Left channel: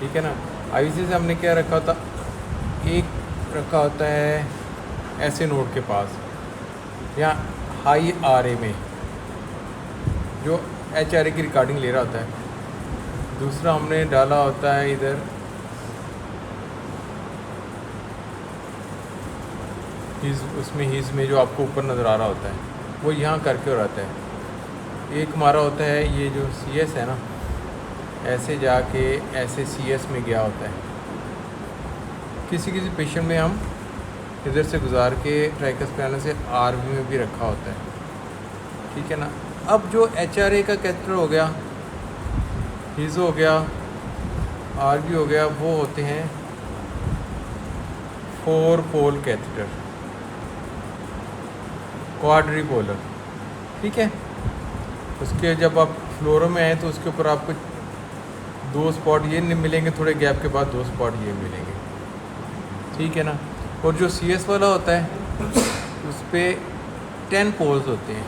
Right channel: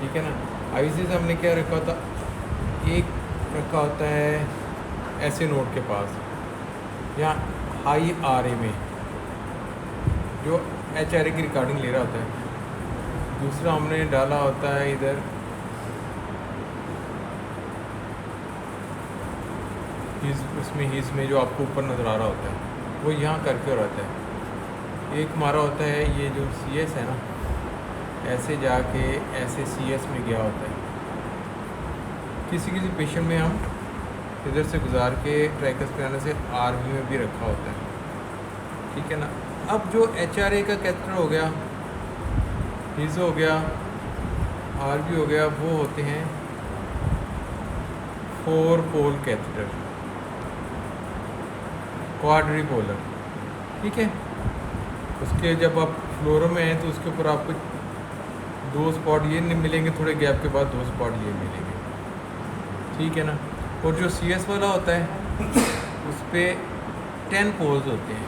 ठीक है ना। आईसी से हमने क्या रखा था, एक रखा होता है ऐसे नोड के पास या हाई आर ए में जो एच आर ए की रिकॉर्डिंग ले रहा होता है। दूसरा हमने डाला होता है इधर हीज़, उसमें हीज़ में जो आपको ऊपर नज़र आ रहा होता है वो यहाँ करके हो रहता है। एक हमारा होता है ये जो सी एस है ना, ऐसे जाके ऐसे सी एस में गया होता है। किसी किसी पेशेंट में हम इधर से गुजार के ट्रैकस पैनल से आर बी में भी रखा होता है। ठीक है ना। अब जो एच आर ए का कैथेटर हो गया, हीज़ हो गया, आर बी हो गया, वो होते हैं 4 पोल कैथेटर, क्वाड्रीपोलर। ठीक है। उसके जब आप फ्लोरो में आए तो उसके ऊपर आपको 2 स्पॉट ये नहीं मिलेंगे, थोड़े गैप के बाद 2 स्पॉट ये मिलेंगे। ठीक है ना। और जो सी एस वाला होता है उस पर 10 पोल्स होते हैं।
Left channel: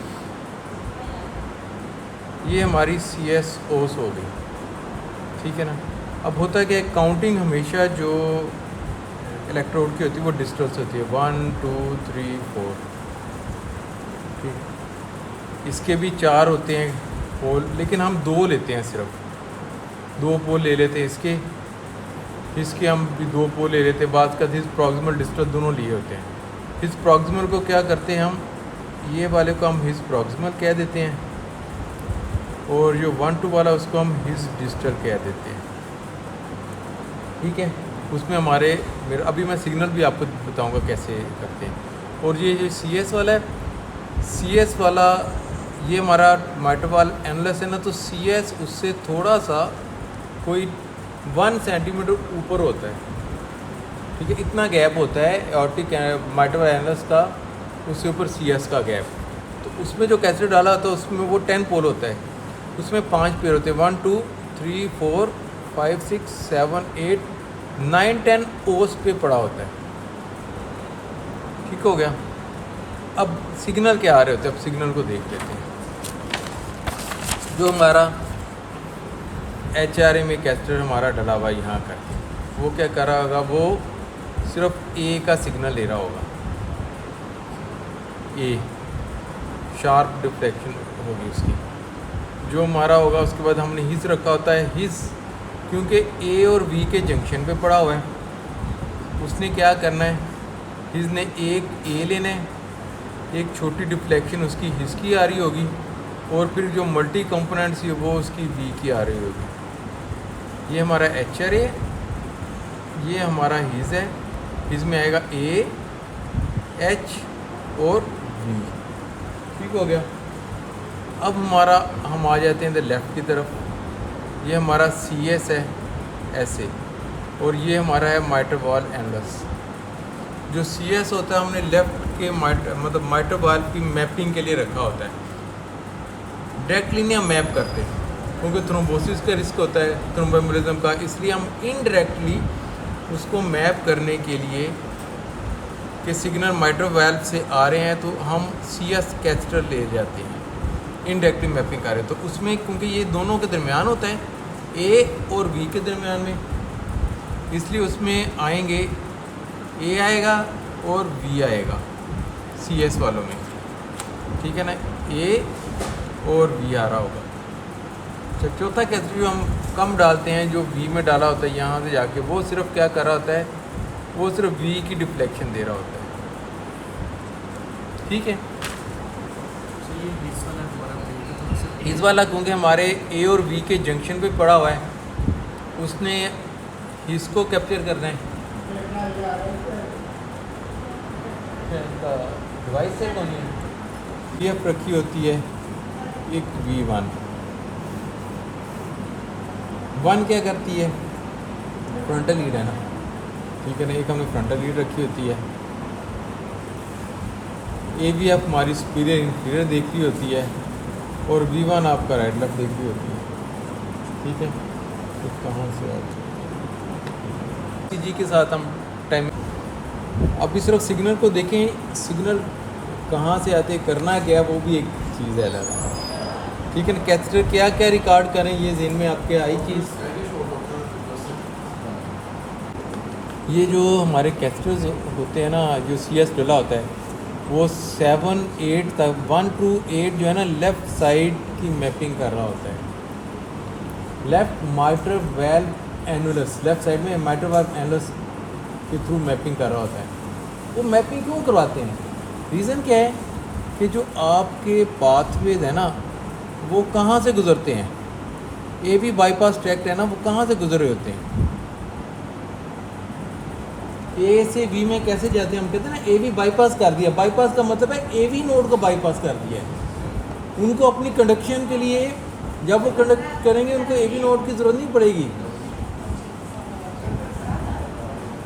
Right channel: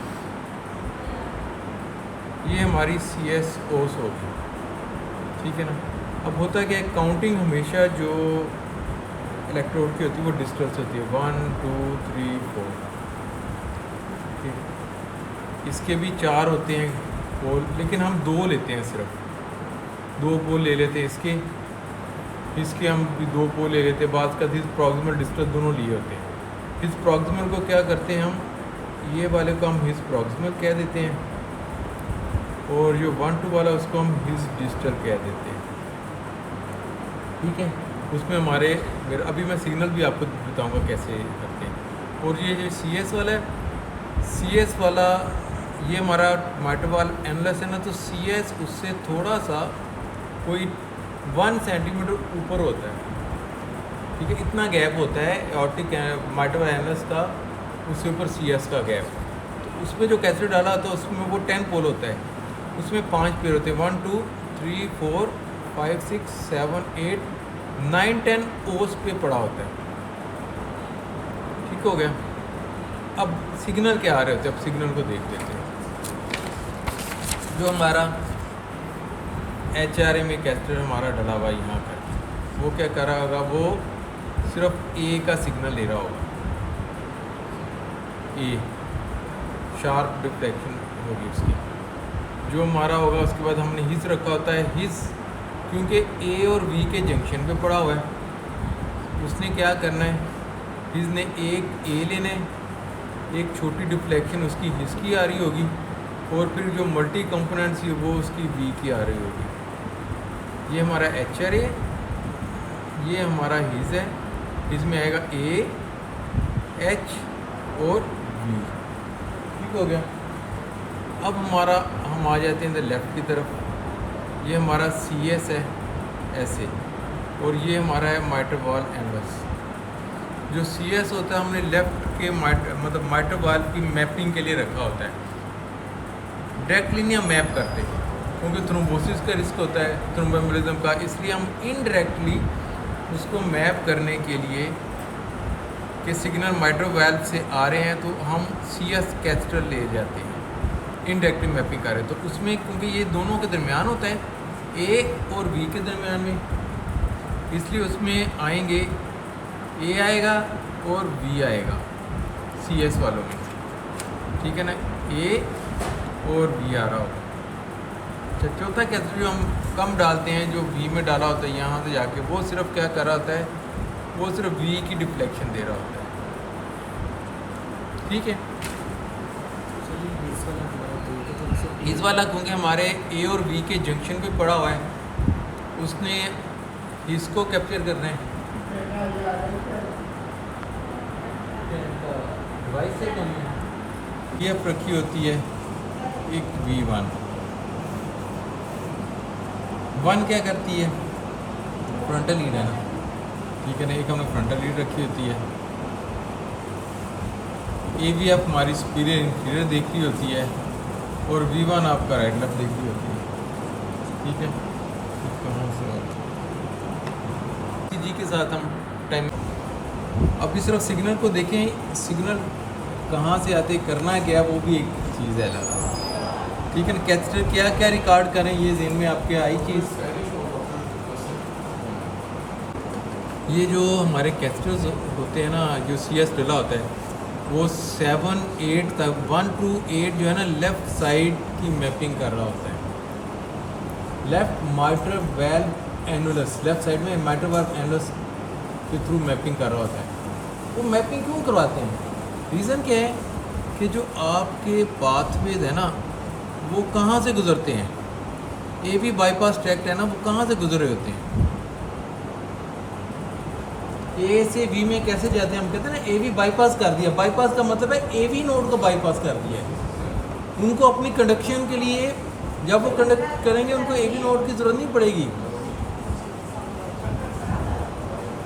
ये हमारी सी एस ओस हो गई। ठीक है ना। अब होता है कि काउंटिंग हमेशा जो इलेक्ट्रोड की होती है वो डिस्टल्स होती है, 1 2 3 4। इसके भी 4 होते हैं पोल, लेकिन हम 2 लेते हैं, सिर्फ 2 पोल ले लेते हैं इसके हम भी 2 पोल ले लेते हैं। बाद का हिज प्रॉक्सिमल डिस्टल दोनों लिए होते हैं। हिज प्रॉक्सिमल को क्या करते हैं हम, ये वाले को हम हिज प्रॉक्सिमल कह देते हैं, और जो 1 2 वाला उसको हम हिज डिस्टल कह देते हैं। ठीक है। उसमें हमारे अभी मैं सिग्नल भी आपको बताऊंगा कैसे करते हैं। और ये जो सी एस वाला है, सी एस वाला ये हमारा माइट्रोवाल एनुलस है ना, तो सी एस उससे थोड़ा सा कोई 1 सेंटीमीटर ऊपर होता है। ठीक है। इतना गैप होता है ऑर्टिक माइट्रोवाल एनुलस का, उसके ऊपर सी एस का गैप। तो उसमें जो कैथेटर डाला होता है उसमें वो 10 पोल होता है, उसमें 5 पेयर होते हैं, 1 2 3 4 5 6 7 8 9 10 ओस पे पड़ा होता है। ठीक हो गया। अब सिग्नल क्या आ रहे होते हैं, अब सिग्नल को देख लेते हैं। जो हमारा एच आर ए में कैथेटर हमारा डला हुआ यहाँ करके, वो क्या कर रहा होगा, वो सिर्फ ए का सिग्नल ले रहा होगा। ए शार्प डिफ्लेक्शन होगी उसकी, जो हमारा होगा। उसके बाद हमने हिज रखा होता है, हिज क्योंकि ए और वी के जंक्शन पे पड़ा हुआ है, उसने क्या करना है, हिज ने एक ए लेना है, एक छोटी डिफ्लेक्शन उसकी हिज की आ रही होगी, और फिर जो मल्टी कंपोनेंट्स है वो उसकी वी की आ रही होगी। ये हमारा एच आर ए, ये हमारा हिज है, हिज में आएगा ए एच और वी। ठीक हो गया। अब हम आ जाते हैं इधर लेफ़्ट की तरफ। ये हमारा सी एस है ऐसे, और ये हमारा है माइट्रोवाल एनुलस। जो सी एस होता है हमने लेफ़्ट के मतलब माइट्रोवाल की मैपिंग के लिए रखा होता है। डायरेक्टली नहीं हम मैप करते क्योंकि थ्रोम्बोसिस का रिस्क होता है, थ्रोम्बोएम्बोलिज्म का, इसलिए हम इनडायरेक्टली उसको मैप करने के लिए कि सिग्नल माइट्रोवाल्व से आ रहे हैं तो हम सी एस कैथेटर ले जाते हैं, इनडायरेक्टली मैपिंग कर रहे हैं। तो उसमें क्योंकि ये दोनों के दरमियान होता है, ए और वी के दरमियान में, इसलिए उसमें आएंगे ए आएगा और वी आएगा सी एस वालों में। ठीक है ना। ए और वी आ रहा होगा। अच्छा, चौथा कैथेटर जो हम कम डालते हैं, जो वी में डाला होता है यहाँ से जाके, वो सिर्फ क्या कर रहा होता है, वो सिर्फ वी की डिफ्लेक्शन दे रहा होता है। ठीक है। इस वाला क्योंकि हमारे ए और वी के जंक्शन पे पड़ा हुआ है, उसने इसको कैप्चर करना है। डिवाइस से कौन है ये रखी होती है एक V1 क्या करती है, फ्रंटल लीड है ना। ठीक है ना। एक हमने फ्रंटल लीड रखी होती है, AVF हमारी सुपीरियर इंफीरियर देख रही होती है, और V1 आपका राइट लेफ्ट देख रही होती है। ठीक है। तो कहाँ से जी के साथ हम टाइम अभी सिर्फ सिग्नल को देखें, सिग्नल कहाँ से आते करना है क्या, वो भी एक चीज़ है अलग। ठीक है ना। कैथेटर क्या क्या रिकॉर्ड करें, ये ज़हन में आपके आई चीज़। ये जो हमारे कैस्टर्स होते हैं ना, जो CS डला होता है, वो 7 8 तक 1 to 8 जो है ना लेफ़्ट साइड की मैपिंग कर रहा होता है। Left mitral valve annulus, left side में माइट्रल वाल्व एनुलस के थ्रू मैपिंग कर रहा होता है। वो मैपिंग क्यों करवाते हैं? रीज़न क्या है कि जो आपके पाथवेज है ना वो कहाँ से गुज़रते हैं, AV बाईपास ट्रैक्ट है ना, वो कहाँ से गुजर रहे होते हैं, A से V में कैसे जाते हैं? हम कहते हैं ना AV बाईपास कर दिया। बाईपास का मतलब है AV नोड को बाईपास कर दिया है। उनको अपनी कंडक्शन के लिए जब वो कंडक्ट करेंगे उनको AV नोड की ज़रूरत नहीं पड़ेगी।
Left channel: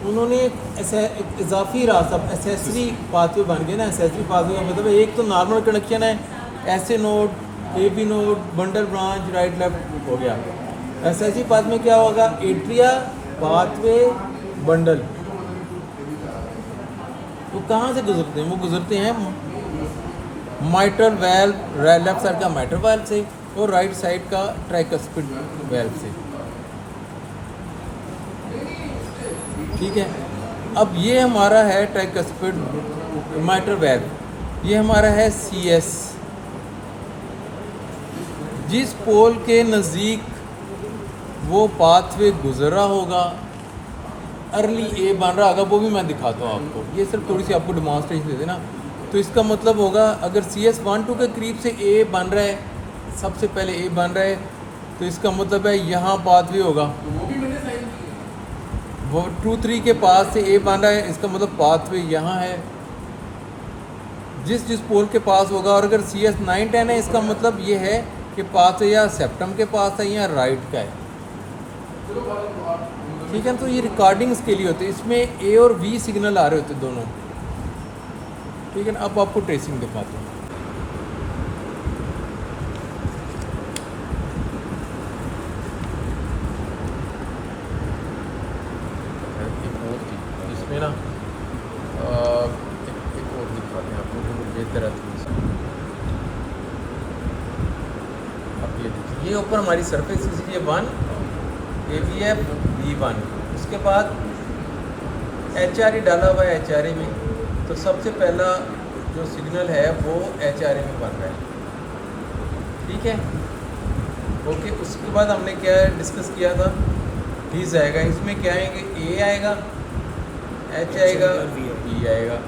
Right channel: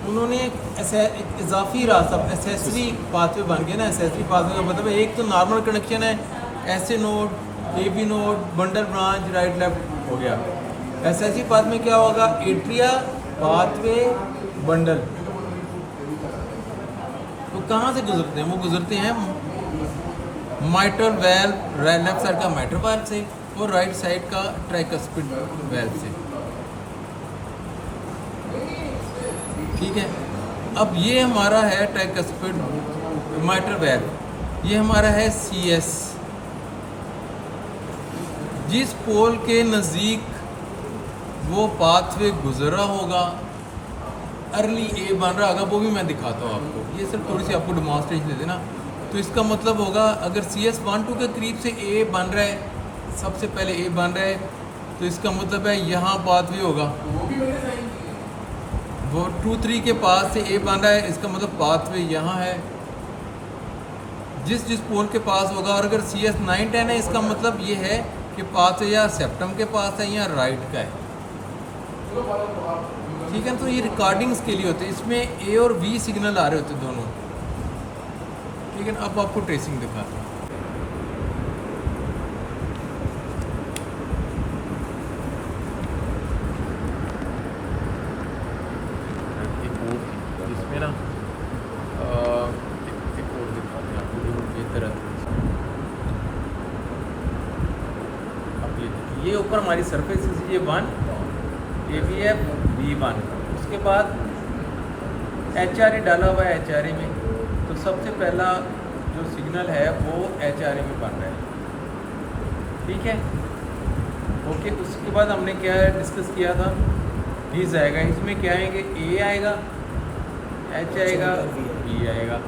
उन्होंने एक इजाफी रास्ता एसेसरी पाथवे बन गया ना। एसेसरी पाथवे का मतलब है एक तो नॉर्मल कनेक्शन है, ऐसे node, AB node, bundle branch, right left हो गया। एसेसरी पाथ में क्या होगा? Atria, pathway, bundle. तो कहाँ से गुजरते हैं? वो गुजरते हैं माइट्रल वाल्व, लेफ्ट साइड का माइट्रल वाल्व से और राइट साइड का ट्राइकस्पिड वाल्व से। ठीक है, अब ये हमारा है ट्राइकस्पिड माइट्रल वाल्व, ये हमारा है CS। जिस पोल के नज़दीक वो पाथवे गुजर रहा होगा, अर्ली A बन रहा होगा, वो भी मैं दिखाता हूँ आपको। ये सिर्फ थोड़ी सी आपको डिमॉन्स्ट्रेशन दे देना। तो इसका मतलब होगा अगर CS 1 2 के करीब से A बन रहा है, सबसे पहले A बन रहा है, तो इसका मतलब है यहाँ पाथवे होगा। वो 2 3 के पास से A बन रहा है, इसका मतलब पाथवे यहाँ है। जिस पोल के पास होगा, और अगर CS 9 10 है, इसका मतलब ये है कि पाथवे या सेप्टम के पास है या राइट का है। ठीक है, तो ये रिकॉर्डिंग्स के लिए होते हैं। इसमें A और V सिग्नल आ रहे होते दोनों। ठीक है ना, अब आपको ट्रेसिंग दिखाता हूँ। इसमें ना ये ऊपर हमारी सरफेस ये 1 AVF V1, उसके बाद HRE डाला हुआ है HRE में। तो सबसे पहला जो सिग्नल है वो HRE में बन रहा है। ठीक है, ओके। उसके बाद हमने क्या डिस्कस किया था, दिस आएगा, इसमें क्या है कि A आएगा, H आएगा, B आएगा।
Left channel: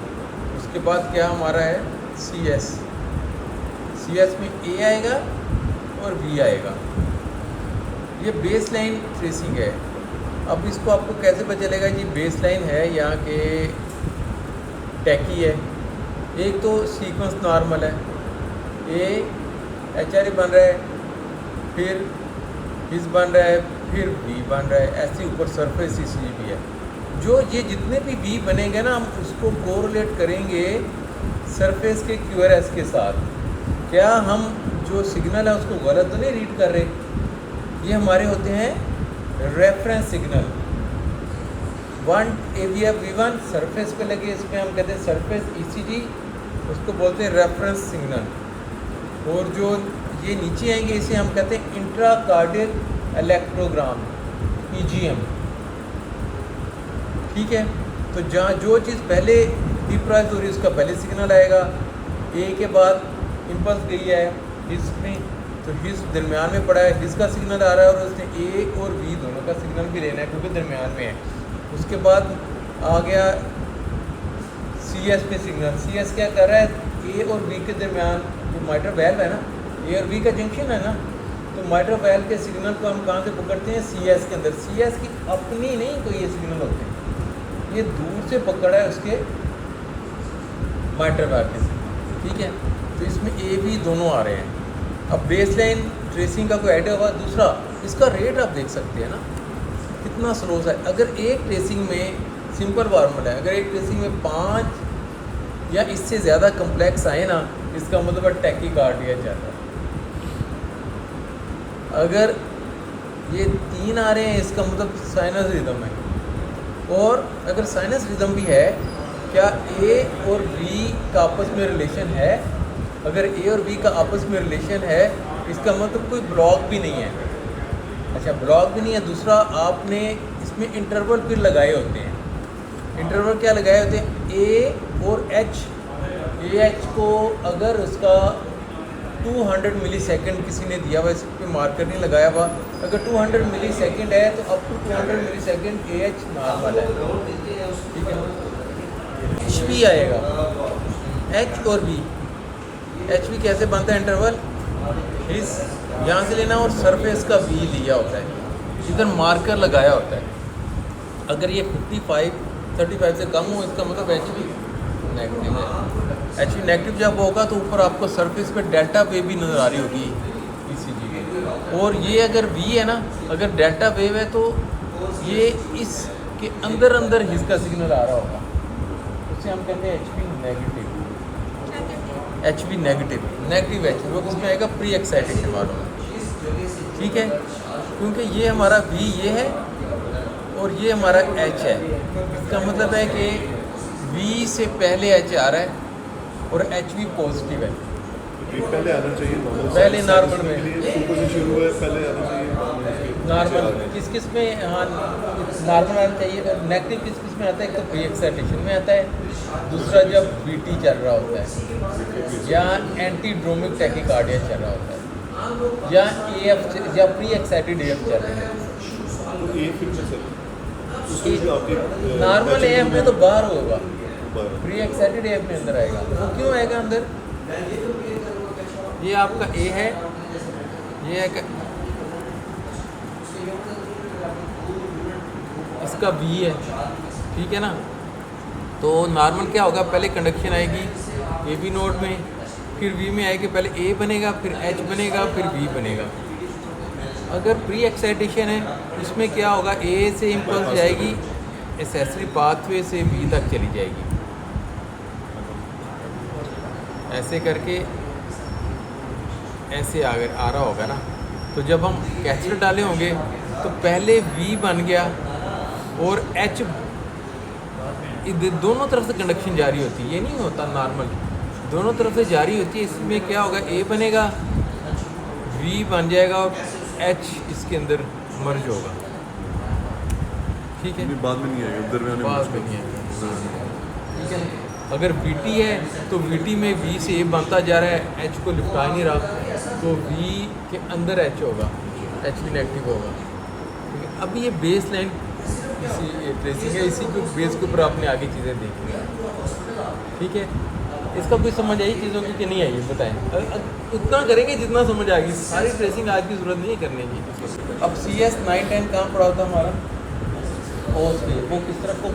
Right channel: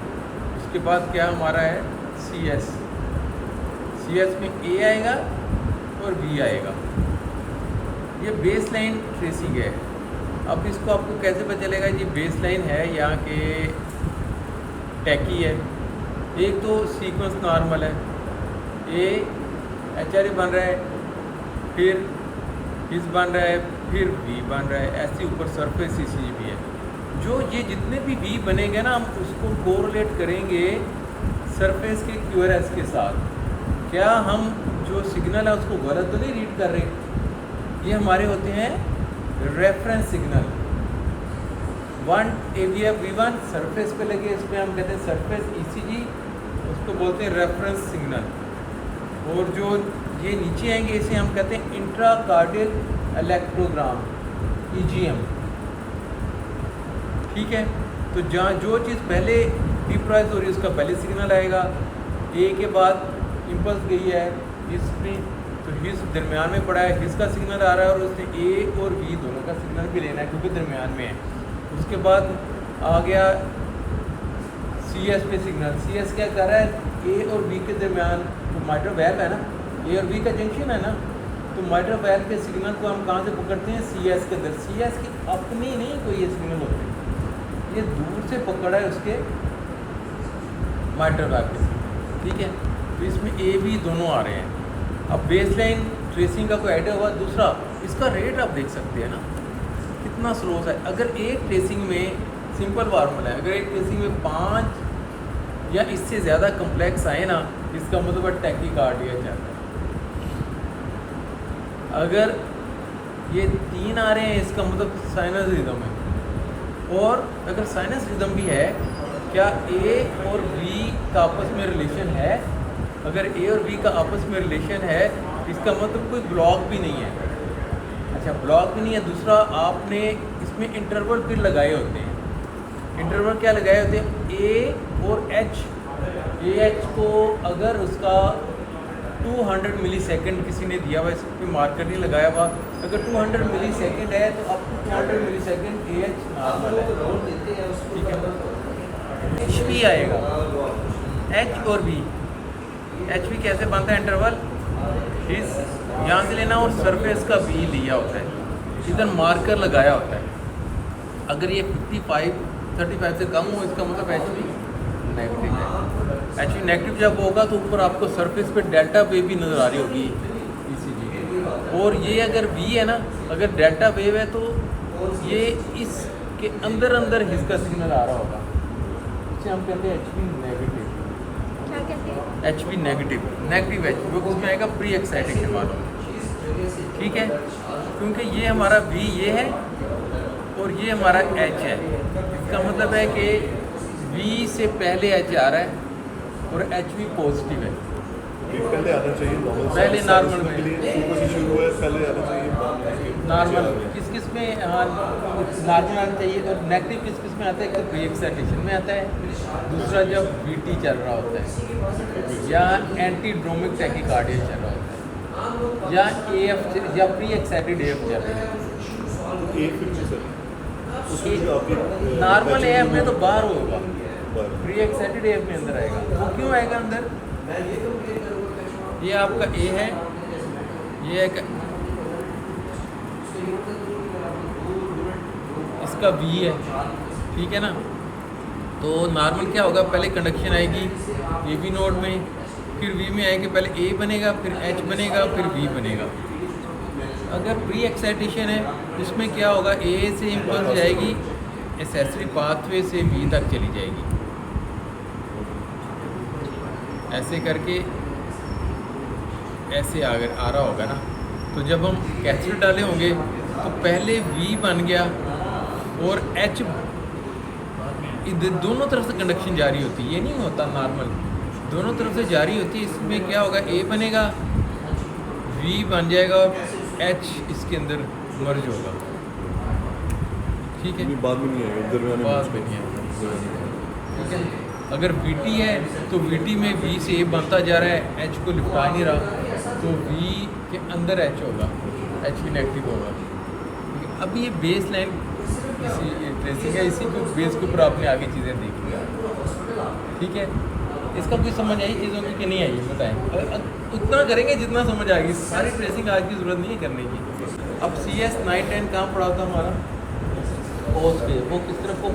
उसके बाद क्या हमारा है CS में A आएगा और B आएगा। ये बेस लाइन ट्रेसिंग है। अब इसको आपको कैसे पता चलेगा कि बेस लाइन है या कि टैकी है? एक तो सीक्वेंस नॉर्मल है, A HRE बन रहा है, फिर इस बन रहा है, फिर B बन रहा है, ऐसे ऊपर सरफेस इसलिए भी है। जो ये जितने भी B बनेंगे ना, हम उसको कोरिलेट करेंगे सरफेस के QRS के साथ। क्या हम जो सिग्नल है उसको गलत तो नहीं रीड कर रहे? ये हमारे होते हैं reference signal. 1 AVF V1 surface पे लगे, इसमें हम कहते हैं सरफेस ECG, उसको बोलते हैं रेफरेंस सिग्नल। और जो ये नीचे आएंगे इसे हम कहते हैं इंट्राकार्डियल इलेक्ट्रोग्राम, EGM। ठीक है, तो जहाँ जो चीज़ पहले डिप्राइज हो रही है उसका पहले सिग्नल आएगा, A के बाद इम्पल्स गई है इसमें, तो बीच दरमियान में पड़ा है, जिसका सिग्नल आ रहा है, और उसने A और B दोनों का सिग्नल भी लेना है क्योंकि दरमियान में है। उसके बाद आ गया CS पे सिग्नल। CS क्या कर रहा है? A और B के दरमियान माइट्रल वाल्व है ना, A और B का जंक्शन है ना, तो माइट्रल वाल्व के सिग्नल को हम कहाँ से पकड़ते हैं? CS के अंदर। CS की अपनी नहीं कोई ये सिग्नल होती, ये दूर से पकड़ा है उसके माइट्रल वाल्व से। ठीक है, तो इसमें A B दोनों आ रहे हैं। अब बेसलाइन ट्रेसिंग का कोई आइडिया होगा। दूसरा, इसका रेट आप देख सकते हैं ना कितना स्लो है। अगर एक ट्रेसिंग में सिंपल फार्मूला है, अगर एक ट्रेसिंग में 5 या इससे ज़्यादा कम्प्लेक्स आए ना, इसका मतलब टैकीकार्डिया जाता है। अगर ये 3 आ रहे हैं, इसका मतलब साइनस रिदम है। और अगर साइनस रिदम भी है, क्या A और B का आपस में रिलेशन है? अगर A और B का आपस में रिलेशन है, इसका मतलब कोई ब्लॉक भी नहीं है। अच्छा, ब्लॉक भी नहीं है। दूसरा, आपने इसमें इंटरवल भी लगाए होते हैं। इंटरवल क्या लगाए होते हैं, ए और एच। ए एच को अगर उसका 200 मिली सेकेंड किसी ने दिया हुआ, इस पर मार्कर नहीं लगाया हुआ, अगर 200 मिली सेकेंड है तो अब 200 मिली सेकेंड ए एच नॉर्मल है। एच भी आएगा, एच और बी। एच भी कैसे बनता है, इंटरवल इस यहाँ से लेना और सरफेस का बी लिया होता है, इधर मार्कर लगाया होता है। अगर ये 35 से कम हो, इसका मतलब एच भी नेगेटिव है। एच नेगेटिव जब होगा तो ऊपर आपको सरफेस पे डेल्टा वेव भी नज़र आ रही होगी इसी जगह। और ये अगर वी है ना, अगर डेल्टा वेव है तो ये इसके अंदर अंदर इसका सिग्नल आ रहा होगा, इसे हम कहते हैं H P negative. H P negative H, वो किसमें आएगा, प्री एक्साइटेशन वाला। ठीक है, क्योंकि ये हमारा वी ये है और ये हमारा एच है। इसका मतलब है कि वी से पहले एच आ रहा है और एच वी पॉजिटिव है। ये पहले आना चाहिए, पहले नॉर्मल में ऊपर से शुरू हुआ है, पहले आना चाहिए नॉर्मल। किस में हाँ नॉर्मल आना चाहिए। तो नेगेटिव किस में आता है, कि प्री एक्साइटेशन में आता है। दूसरा जब बीटी चल रहा होता है या एंटीड्रोमिक टैकीकार्डिया चल रहा होता है या एएफ या प्री एक्साइटेड एएफ चल रहा है। तो ए फिर से सर उसमें भी आपके नॉर्मल एएफ में तो बाहर होगा, बाहर। प्री एक्साइटेड एएफ में अंदर आएगा। तो क्यों आएगा अंदर, ये आपका ए है, ये एक इसका बी है, ठीक है ना। तो नॉर्मल क्या होगा, पहले कंडक्शन आएगी ए बी नोड में, फिर वी में आएगी, पहले ए बनेगा, फिर एच बनेगा, फिर वी बनेगा। अगर प्री एक्साइटेशन है, इसमें क्या होगा, ए से इम्पल्स जाएगी एसेसरी पाथवे से बी तक चली जाएगी, ऐसे करके ऐसे आगे आ रहा होगा ना। तो जब हम कैसेट डाले होंगे तो पहले वी बन गया और एच, दोनों तरफ से कंडक्शन जारी होती है, ये नहीं होता नॉर्मल, दोनों तरफ से जारी होती है। इसमें क्या होगा, ए बनेगा, वी बन जाएगा, एच इसके अंदर मर्ज होगा। ठीक है, बाद में नहीं आएगा, दरमियान बाद में नहीं आएगा। अगर बीटी है तो बीटी में वी से ए बनता जा रहा है, एच को लिपटा नहीं रहा, तो वी के अंदर एच होगा, एच भी नेगेटिव होगा। अभी ये बेस लाइन ट्रेसिंग है, इसी के बेस के ऊपर आपने आगे चीज़ें देखी। ठीक है, इसका कोई समझ आई चीज़ों की कि नहीं आई, बताएं। उतना करेंगे जितना समझ आ गई, सारी ट्रेसिंग आज की ज़रूरत नहीं है करने की। अब CS 9-10 कहाँ पड़ा था हमारा, और वो किस तरफ को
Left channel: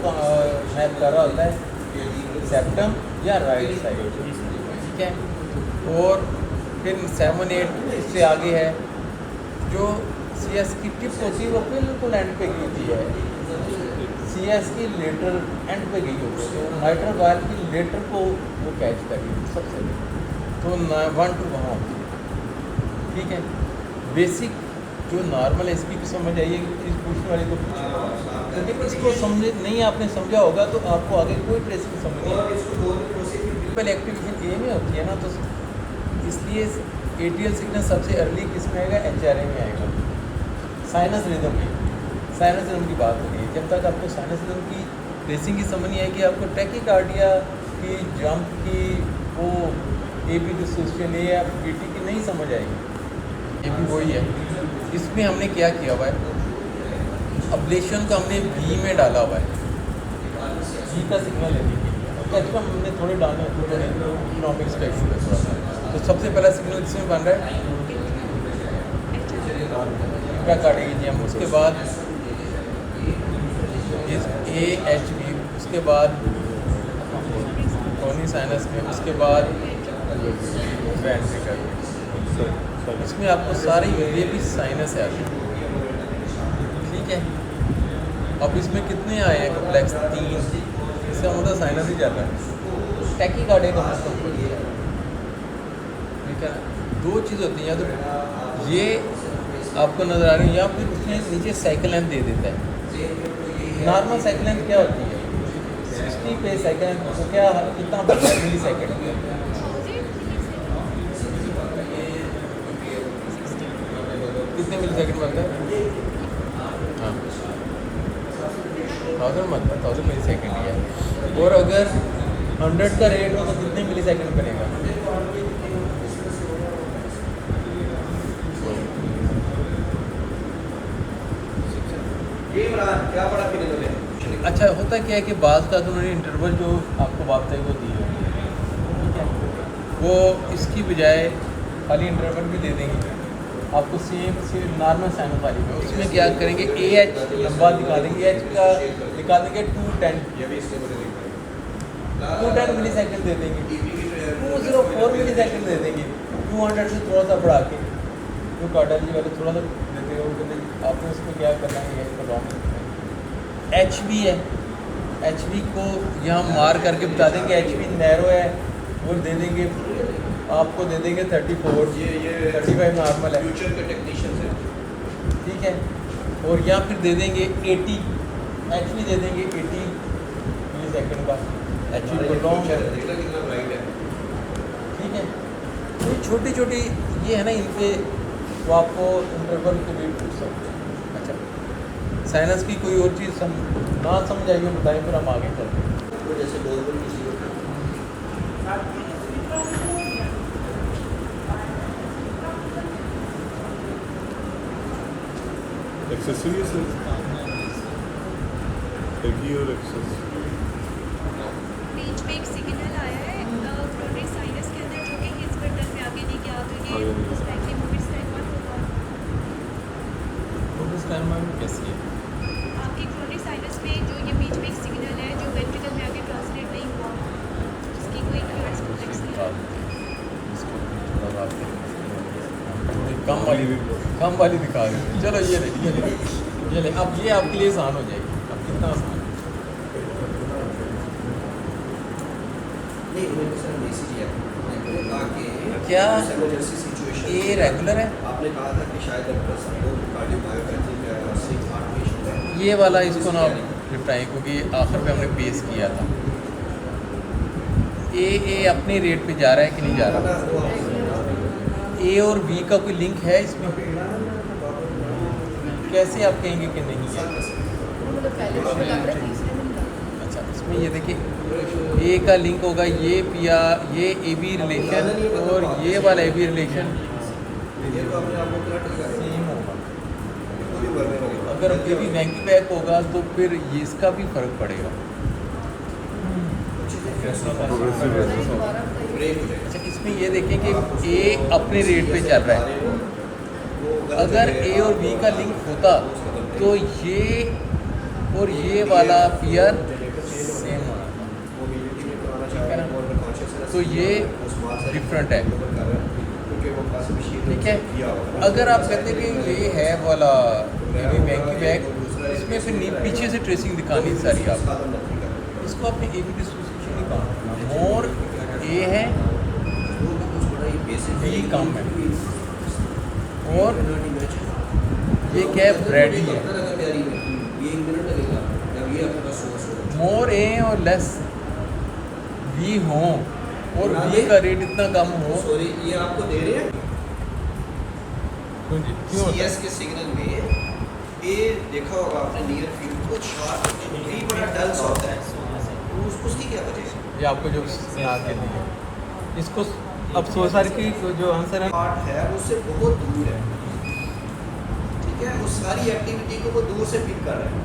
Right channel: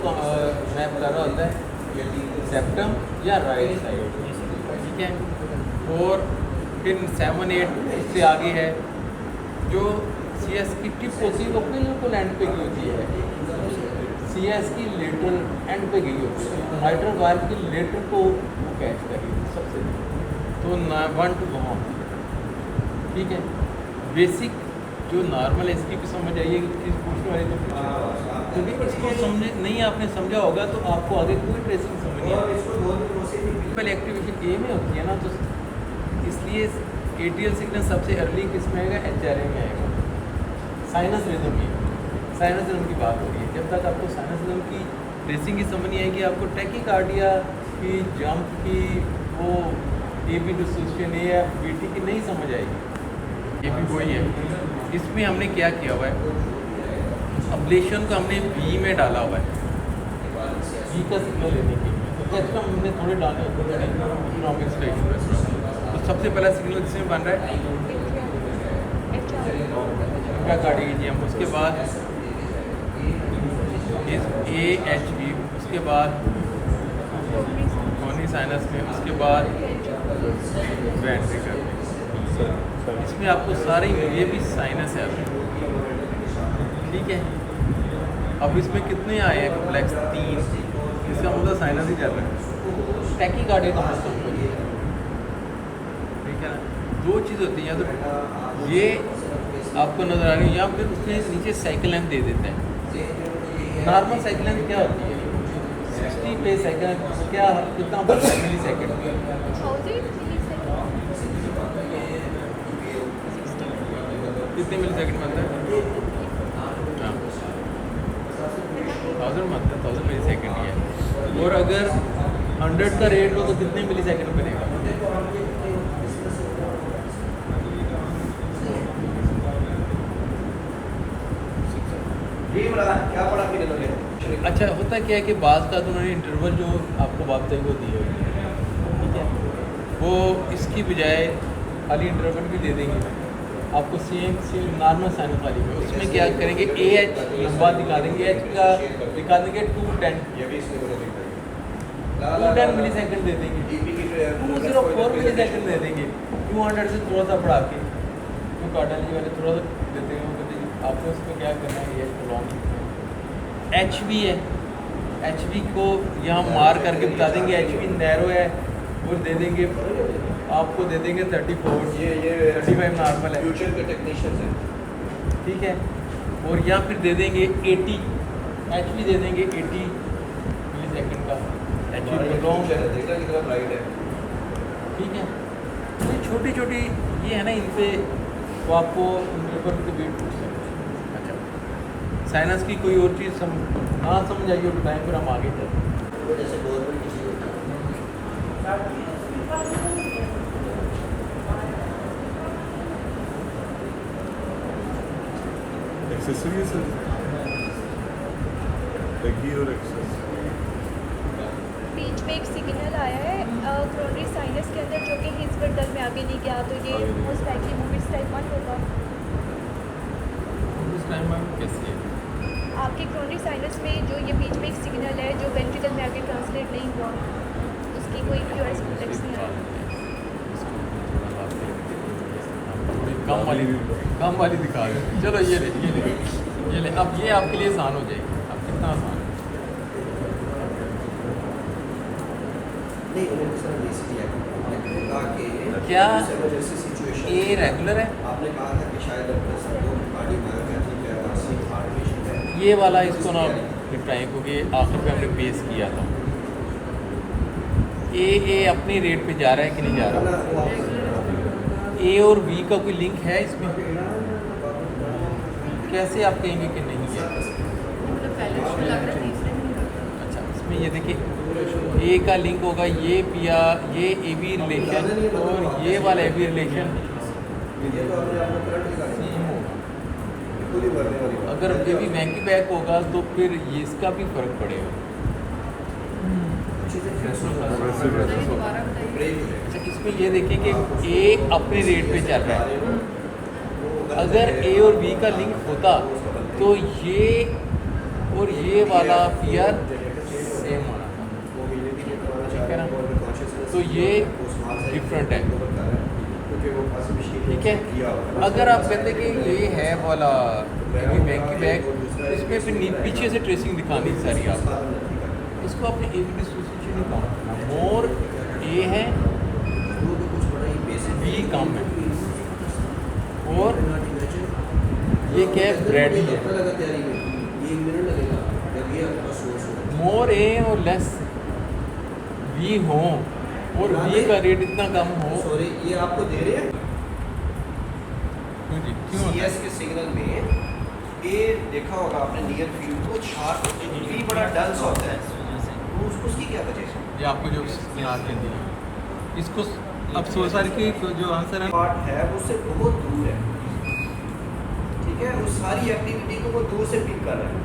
मैप कर रहा होता है, सेप्टम या राइट साइड। ठीक है, और फिर 7-8 इससे आगे है, जो CS की टिप होती है वो बिल्कुल एंड पे की होती है, CS की लेटरल एंड पे गई होती है, माइट्रल वायर की लेटर को वो कैच करेगी सबसे, तो 1 to वहाँ होती है। ठीक है, बेसिक जो नॉर्मल है इसकी भी समझ आइए, किस पूछने वाले को पूछे, क्योंकि इसको समझ नहीं आपने समझा होगा तो आपको आगे कोई ट्रेसिंग समझ नहीं आएगी। पहले एक्टिवेशन ए में होती है ना, तो इसलिए ATL सिग्नल सबसे अर्ली किस में आएगा, HRA में आएगा, साइनस रिदम में। साइनस रिदम की बात होती है, जब तक आपको साइनस रिदम की बेसिक की समझ नहीं आएगी, आपको टैकीकार्डिया की, जंप की, वो AB डिसोसिएशन या BT की नहीं समझ आएगी। ये भी वही है, इसमें हमने क्या किया हुआ है, अब्लेशन को हमने V में डाला हुआ है, V का सिग्नल लेने के लिए। तो एक्स्ट्रा हमने थोड़े डाले थोड़े इसका इशू है। तो सबसे पहला सिग्नल इसमें बन रहा है क्या काटेगी थी हम, उसके बाद AHB, उसके बाद कॉर्नी साइनस में, उसके बाद ग्लैंड फिगर। इसमें आपको सारी ये भी साइनस है। ठीक है, अब इसमें कितने आए हैं, फ्लैक्स 3, इसका मतलब साइनस ही कर रहा है। टैकीकार्डिया का मतलब दो चीज़ होती हैं, या तो ये आपको नजर आ रही है या फिर उसमें नीचे साइकिल लेंथ दे देता है। नॉर्मल साइकिल लेंथ क्या होती है, 60 पे साइकिल लेंथ क्या, कितना मिली सेकेंड, कितने मिली सेकेंड बनता है, हाँ 1000 मिली सेकेंड। और अगर 100 का रेट हो तो कितने मिली सेकेंड करेगा? ये इमरान क्या पढ़ा फिर इन्होंने? अच्छा, होता क्या है कि बाज़ का उन्होंने इंटरवल जो आपको बात वो दिए होंगे, वो इसकी बजाय खाली इंटरवल भी दे देंगे आपको, सेम नॉर्मल साइनोफाइल में। उसमें क्या करेंगे, ए एच लंबा दिखा देंगे, एच का दिखा देंगे 210 ये भी इसके ऊपर लिखा है। 210 मिली सेकेंड दे देंगे, 204 मिली सेकेंड दे देंगे, 200 से थोड़ा सा बढ़ा के तो कार्डियोलॉजी वाले थोड़ा सा देते हैं। आपको उसमें क्या करना है, एच बी है, एच बी को यहाँ मार करके बता देंगे एच बी नैरो है, वो दे देंगे आपको, दे देंगे 34, ये 35 नॉर्मल है, फ्यूचर के टेक्नीशियंस हैं। ठीक है। और या फिर दे देंगे 80, एच बी दे देंगे 80 मिली सेकेंड का, एच हमारा ये बी फ्यूचर है, देखना कितना ब्राइट है। ठीक है। तो छोटी छोटी ये है ना, इन पे तो आपको इंटरवल पे वेट कर सकते हैं। अच्छा, साइनस की कोई और चीज़ ना समझ आइए बताएं, फिर हम आगे चलते हैं। वो जैसे नॉर्मल किसी होता है। एक्सेसरीज लगी और एक्सेस बीच में एक सिग्नल आया है कोरोनरी साइनस के अंदर, जो कि हिज गर्दन में आगे नहीं गया, तो ये मोस्ट लाइकली मूवमेंट्स टाइप 1 होगा। उस टाइम में कैसी है? आपके कोरोनरी साइनस में जो ये बीच में एक सिग्नल है जो वेंट्रिकल में आगे ट्रांसलेट नहीं हुआ, उसकी कोई क्यूआर कॉम्प्लेक्स नहीं आया। कम वाली दिखा दो। चलो ये ले अब ये आपके लिए आसान हो जाएगी। अब कितना आसान है? ये इमरजेंसी बेसिकली है। आपने कहा कि क्या इमरजेंसी सिचुएशन ये रेगुलर है? आपने कहा था कि शायद डॉक्टर साहब को कार्डियोमायोपैथी के वार्षिक हार्ट पेशेंट है। ये वाला इसको ना निपटाएं, क्योंकि आखिर में हमने पेश किया था। ए अपने रेट पे जा रहा है कि नहीं जा रहा? ए और बी का कोई लिंक है इसमें? कैसे आप कहेंगे कि नहीं है? अच्छा, इसमें ये देखिए, ए का लिंक होगा ये पिया, ये ए बी रिलेशन और ये वाला ए बी रिलेशन ये तो हमने आपको करंट दिखा सेम होगा। पूरी वर्ग वाली। अगर ए बी बैंक बैक होगा तो फिर ये इसका भी फर्क पड़ेगा। प्रोग्रेसिव है। ब्रेक हो जाएगा। अच्छा, इसमें ये देखिए कि ए अपने रेट पे चल रहा है। अगर ए और बी का लिंक होता तो ये और ये वाला पियर सेम होना, ठीक है ना? तो ये डिफरेंट है, ठीक है। अगर आप कहते हैं कि ये है वाला बैक, इसमें फिर पीछे से ट्रेसिंग दिखानी सारी आपको, इसको अपने ए बी डिसोसिएशन ही काम, मोर ए है बी कम है, और ये क्या है, ब्रेड ही है। मोर ए और लेस बी हो और बी का रेट इतना कम हो, सॉरी, ये आपको दे रहे हैं क्यों जी? क्यों होता है? सीएस के सिग्नल में ये देखा होगा आपने नियर फील्ड को शार्प भी बड़ा डल सा होता है, तो उसकी क्या वजह है? ये आपको जो यहाँ कहते हैं, इसको अब सोसार की जो आंसर है, पार्ट है उससे बहुत दूर है, ठीक है, उस सारी एक्टिविटी को वो दूर से पिक कर रहा है।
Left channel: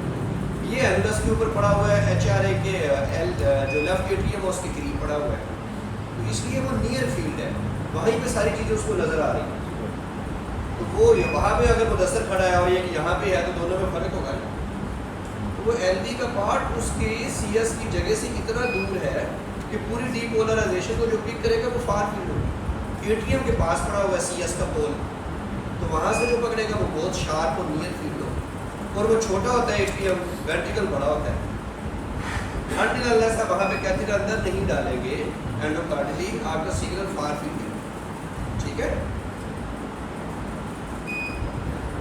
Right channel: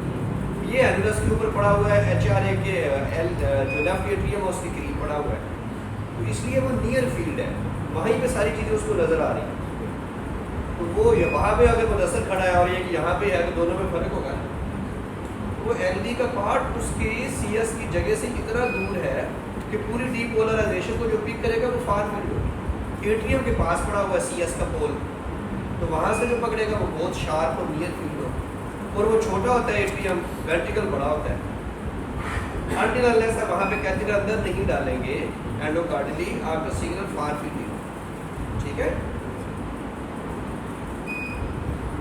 ये एनुलस के ऊपर पड़ा हुआ है, एचआरए के एल जो लेफ्ट एट्रियम है उसके करीब पड़ा हुआ है, तो इसलिए वो नियर फील्ड है, वहीं पे सारी चीज़ें उसको नज़र आ रही हैं। तो वो वहाँ पे अगर मुदस्सर खड़ा है और ये यहाँ पे है तो दोनों में फ़र्क होगा। वो एलडी का पार्ट उसके सीएस की जगह से इतना दूर है कि पूरी डीपोलराइजेशन को जो पिक करेगा वो फार फील्ड होगा। एट्रियम के पास पड़ा हुआ है सीएस का पोल, तो वहाँ से जो पकड़ेगा वो बहुत शार्प और नियर फील्ड होगा, और वो छोटा होता है एट्रियम, वर्टिकल बड़ा होता है। अनटिल अनलेस आप वहाँ पे कैथेटर अंदर नहीं डालेंगे एंडोकार्डियली, आपका सिग्नल फार फील्ड है, ठीक है।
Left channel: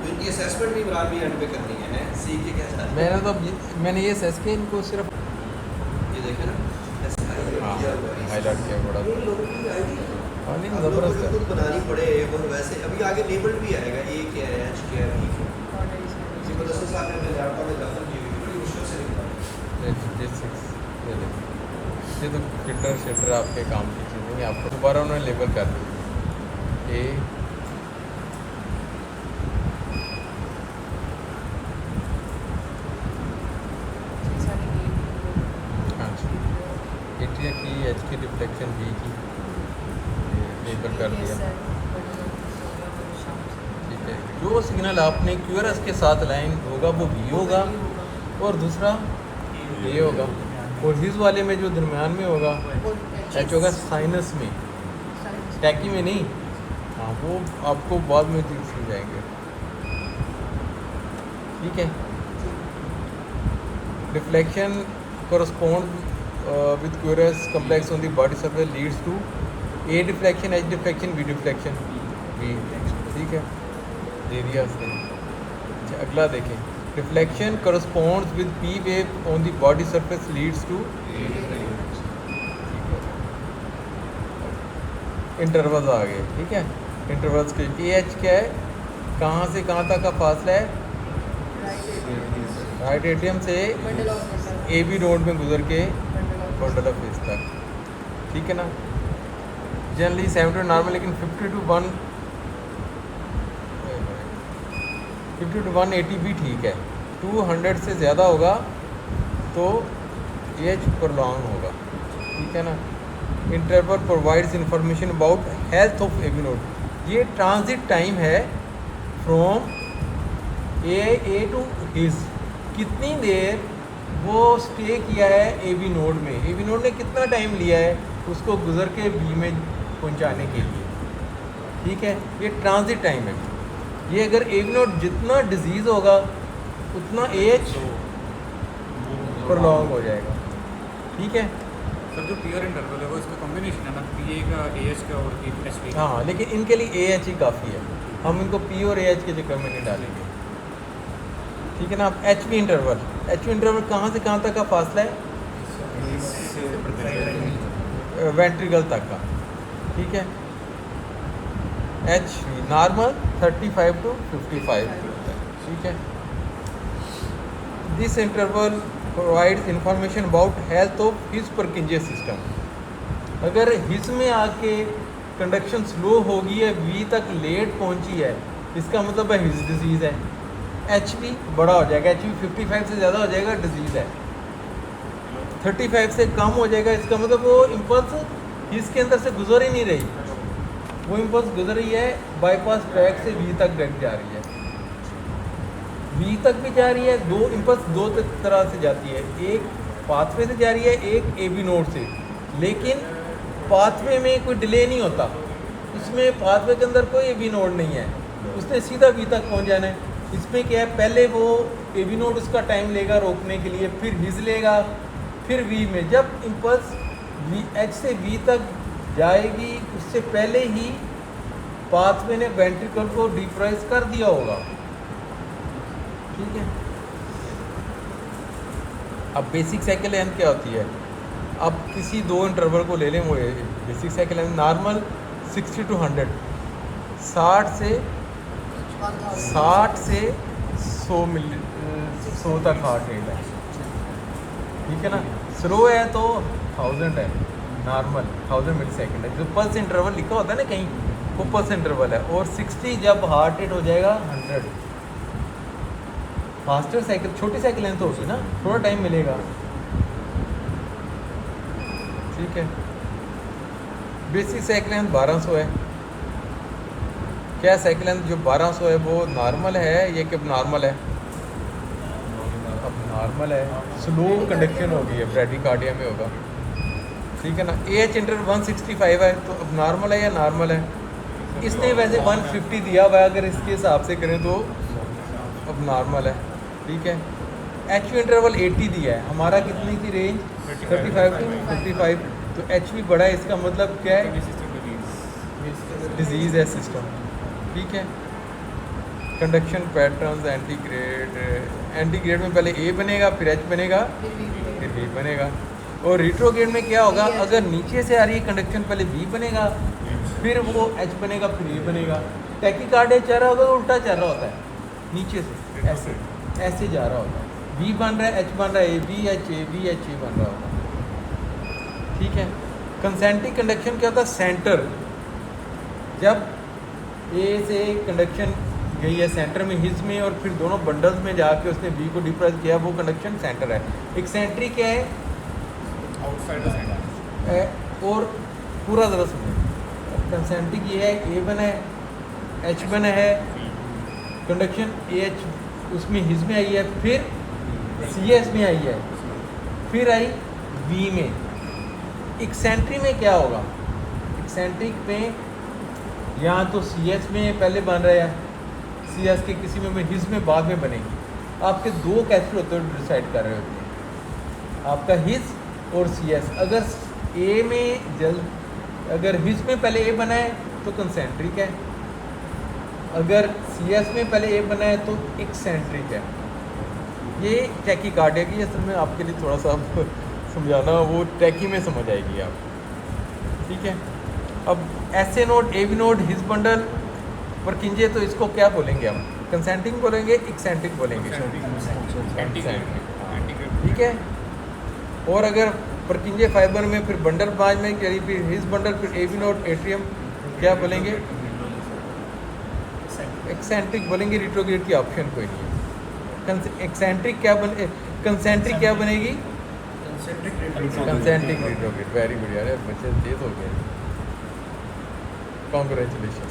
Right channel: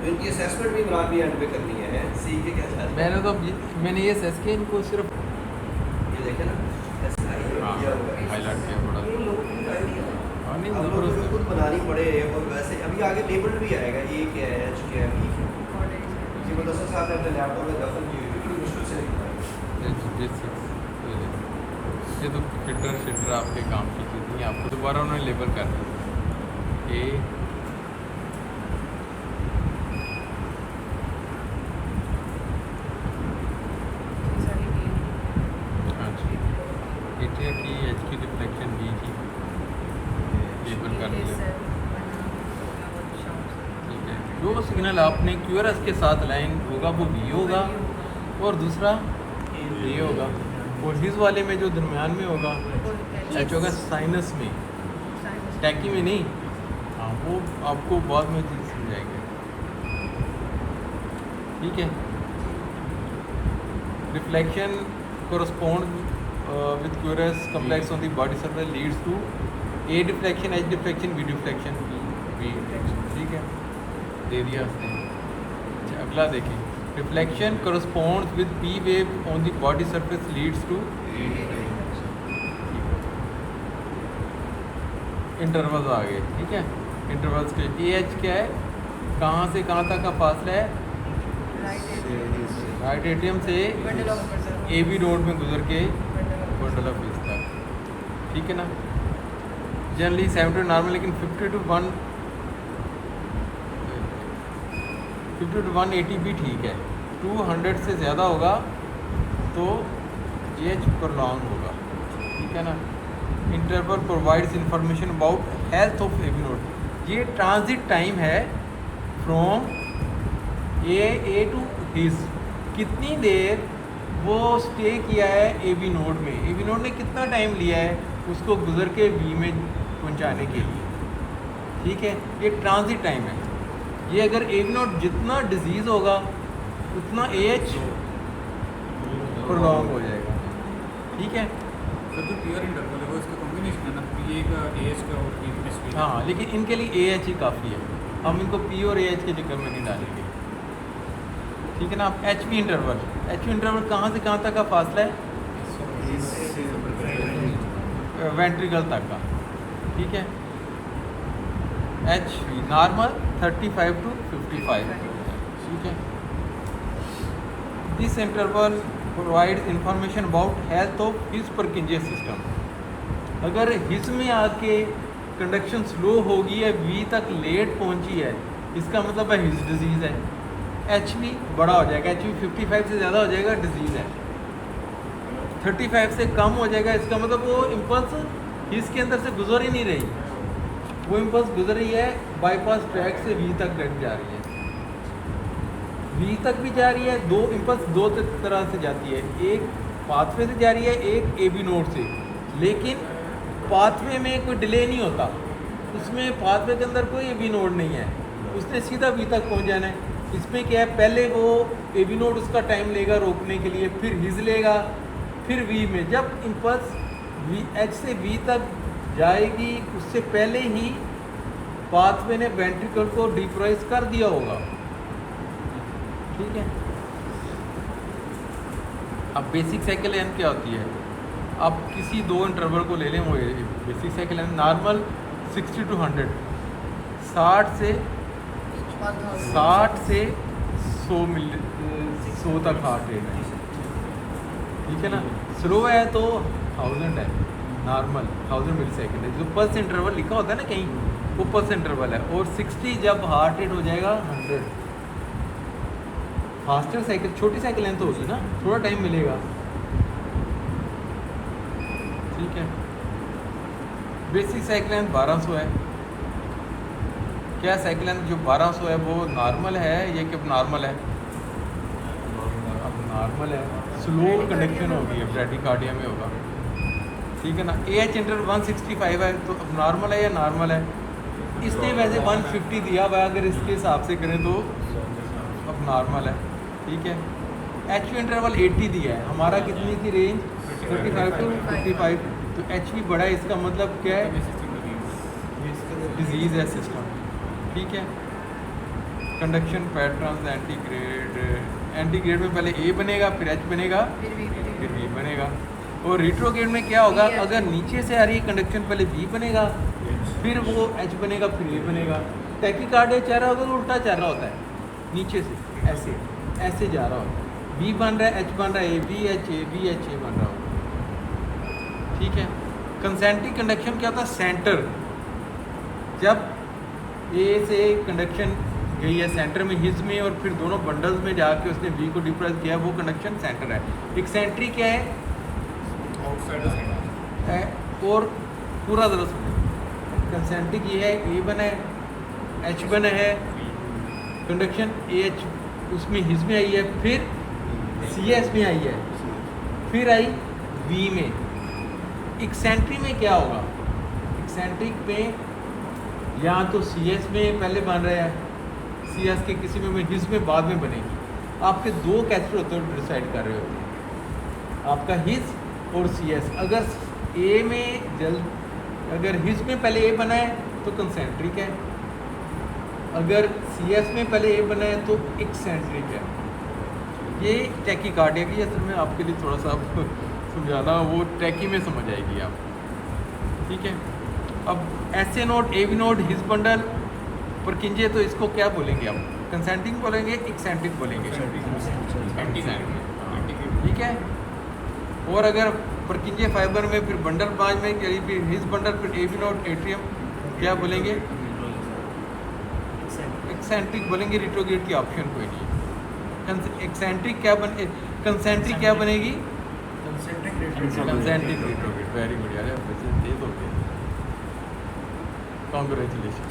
इनकी असेसमेंट भी इमरान भी एंड पे करनी है, सी के क्या चाहते हैं? मैंने ये सच के इनको सिर्फ ये देखिए ना, ऐसे किया हुआ है। हाईलाइट किया थोड़ा, ये लोगों की आईडी और नहीं आप लोगों को ज़बरदस्त खुद बनानी पड़े, और वैसे अभी आगे लेबल भी आएगा, ये क्या है, एच क्या है, ज़बरदस्त से आपने अपने लैपटॉप में दफन की हुई, बड़ी मुश्किल से लिखना है। है। दोबारा उन्होंने लेबल कर दिया ए एंट्री की एच की रिफ्लेक्शन बी की लेबल कर दिया। ठीक है, जो सिग्नल आपने क्यूआरएस के साथ लाइन होगा वो बी होगा और दूसरा ए होगा, और हिज वाले में जो दरमियान में होगा एच होगा साइनस में, टैकी में नहीं। हाँ, वो आपको बाद में समझ जाएगी। ठीक है, reflection corresponds with curious complex on the body surface leads to A deflection, H deflection, B deflection, B। ठीक है, एरिया से। अच्छा, अगला देखें, reflection corresponds with P wave on the body surface leads to A deflection। Intervals आ गए। ठीक है, इंटरवल्स के AH क्या है, कहाँ से कहाँ तक का फासला है, राइट एट्रियम से ए बी नोड में गुजर के बंडल ऑफ विज तक। ठीक है ना, जनरली 70 नॉर्मल, लेकिन 50 to 180 भी ठीक है। 200 से ज़्यादा होगा तो एच प्रोलॉन्ग होगा। ठीक है ना, interval provides information about health of A V node. ये ट्रांजिट टाइम है फ्रॉम ए टू हिज, कितनी देर वो स्टे किया है ए बी नोड में, ए बी नोड ने कितना टाइम लिया है उसको गुजर के बी में पहुंचाने के लिए। ठीक है, ये ट्रांजिट टाइम है। ये अगर ए बी नोड जितना डिजीज़ होगा उतना एज प्रोलॉन्ग हो जाएगा। ठीक है, तो जो प्योर इंटरवल है वो इसका कॉम्बिनेशन है ना, पी ए का ए एच का और एच का। हाँ, लेकिन इनके लिए ए एच ही काफ़ी है, हम इनको पी और ए एच के चक्कर में नहीं डालेंगे। ठीक है ना, H P interval, H P interval कहाँ से कहाँ तक का फासला है, वेंट्रिकल तक का। ठीक है, एच नॉर्मल 35 to 55। ठीक है, this interval provides information about health of his Purkinje system. अगर हिज में आके कंडक्शन स्लो होगी है, बी तक लेट पहुंची है, इसका मतलब है हिज डिजीज़ है। एच बी बड़ा हो जाएगा, एच बी 55 से ज़्यादा हो जाएगा, डिजीज़ है। 35 से कम हो जाएगा, इसका मतलब वो इम्पल्स इसके अंदर से गुजर ही नहीं रही, वो इम्पल्स गुजर रही है बाईपास ट्रैक से बी तक जा रही है, बी तक भी जा रही है। दो इम्पल्स दो तरह से जाती है, एक पाथवे से जा रही है, एक ए बी नोड से। लेकिन पाथवे में कोई डिले नहीं होता, उसमें पाथवे के अंदर कोई ए बी नोड नहीं है, उसने सीधा बी तक पहुंच जाना है। इसमें क्या है, पहले वो ए बी नोड उसका टाइम लेगा रोकने के लिए, फिर हिज लेगा, फिर वी में। जब इम्पल्स वी एच से वी तक जाएगी उससे पहले ही पाथवे ने वेंट्रिकल को डिप्रेस कर दिया होगा। ठीक है, अब बेसिक साइकिल लेंथ क्या होती है, अब किसी दो इंटरवल को ले लें, वो basic cycle length normal 60 to 100, 60 से 100 तक हार्ट रेट है। ठीक है ना, स्लो है तो 1000 है, नॉर्मल 1000 मिली सेकेंड है। जो पल्स इंटरवल लिखा होता है ना कहीं, वो पल्स इंटरवल है। और 60 जब हार्ट रेट हो जाएगा 100, फास्टर साइकिल, छोटी साइकिल लेंथ तो होगी ना, थोड़ा टाइम मिलेगा। ठीक है, बेसिक साइकिल लेंथ 1200 है। क्या साइकिल लेंथ जो 1200 है वो नॉर्मल है, ये कि नॉर्मल है, अब नॉर्मल है, स्लो कंडक्शन होगी, ब्रैडिकार्डिया में होगा। ठीक है ना, एच इंटरवल 165 है, तो अब नॉर्मल है या नॉर्मल है। इसने वैसे 150 दिया हुआ है, अगर इसके हिसाब से करें तो अब नॉर्मल है। ठीक है, एच इंटरवल 80 दिया है, हमारा कितने की रेंज 35 to 55, तो एच भी बड़ा है, इसका मतलब क्या है, डिजीज़ है सिस्टम। ठीक है, कंडक्शन पैटर्न्स एंटीग्रेड में पहले ए बनेगा, फिर एच बनेगा, फिर ए बनेगा। और रिट्रोग्रेड में क्या होगा, अगर नीचे से आ रही है कंडक्शन पहले बी बनेगा, फिर वो एच बनेगा, फिर ए बनेगा। टैकीकार्डिया चल रहा होगा तो उल्टा चल रहा होता है, नीचे से ऐसे ऐसे जा रहा होता है, बी बन रहा है, एच बन रहा है, ए बी एच ए बन रहा होता है। ठीक है, कंसेंट्रिक कंडक्शन क्या होता है? सेंटर, जब ए से कंडक्शन गई है सेंटर में हिज में और फिर दोनों बंडल्स में जाके उसने बी को डिप्रेस किया, वो कंडक्शन सेंटर है। एक्सेंट्रिक क्या है? आउटसाइड और पूरा तरह से कंसेंट्रिक ये है, ए वन है, एच वन है, कंडक्शन ए एच उसमें हिज में आई है, फिर सी एस में आई है, फिर आई वी में। एक्सेंट्रिक में क्या होगा? एक्सेंट्रिक में यहाँ तो सी एस में पहले बन रहा है, सी एस के किसी में हिज में बाद में बनेगी। आपके दो कैसे होते हैं डिसाइड कर रहे होते हैं, आपका हिज और सी एस। अगर ए में अगर हिज में पहले ए बना है तो कंसेंट्रिक है, अगर सी एस में पहले ए बना है तो एक्सेंट्रिक है। ये टैकीकार्डिया की, जैसे मैं आपके लिए थोड़ा सा समझाना, वो टैकी में समझ आएगी आप, ठीक है। अब ऐसे node, A V node, His bundle Purkinje, तो इसको क्या बोलेंगे हम? कंसेंट्रिक बोलेंगे, एक्सेंट्रिक बोलेंगे, ठीक है। और अगर परकिंजे फाइबर में फिर बंडल बाद में फिर हिज बंडल, फिर ए बी नोट एट्रियम, क्या बोलेंगे? एक्सेंट्रिक बोलेंगे, रिट्रोग्रेड की ऑप्शन कोई नहीं। एक्सेंट्रिक क्या बने, कंसेंट्रिक क्या बनेगी? Concentric retrograde. वेरी गुड यार, कांग्रेचुलेशन।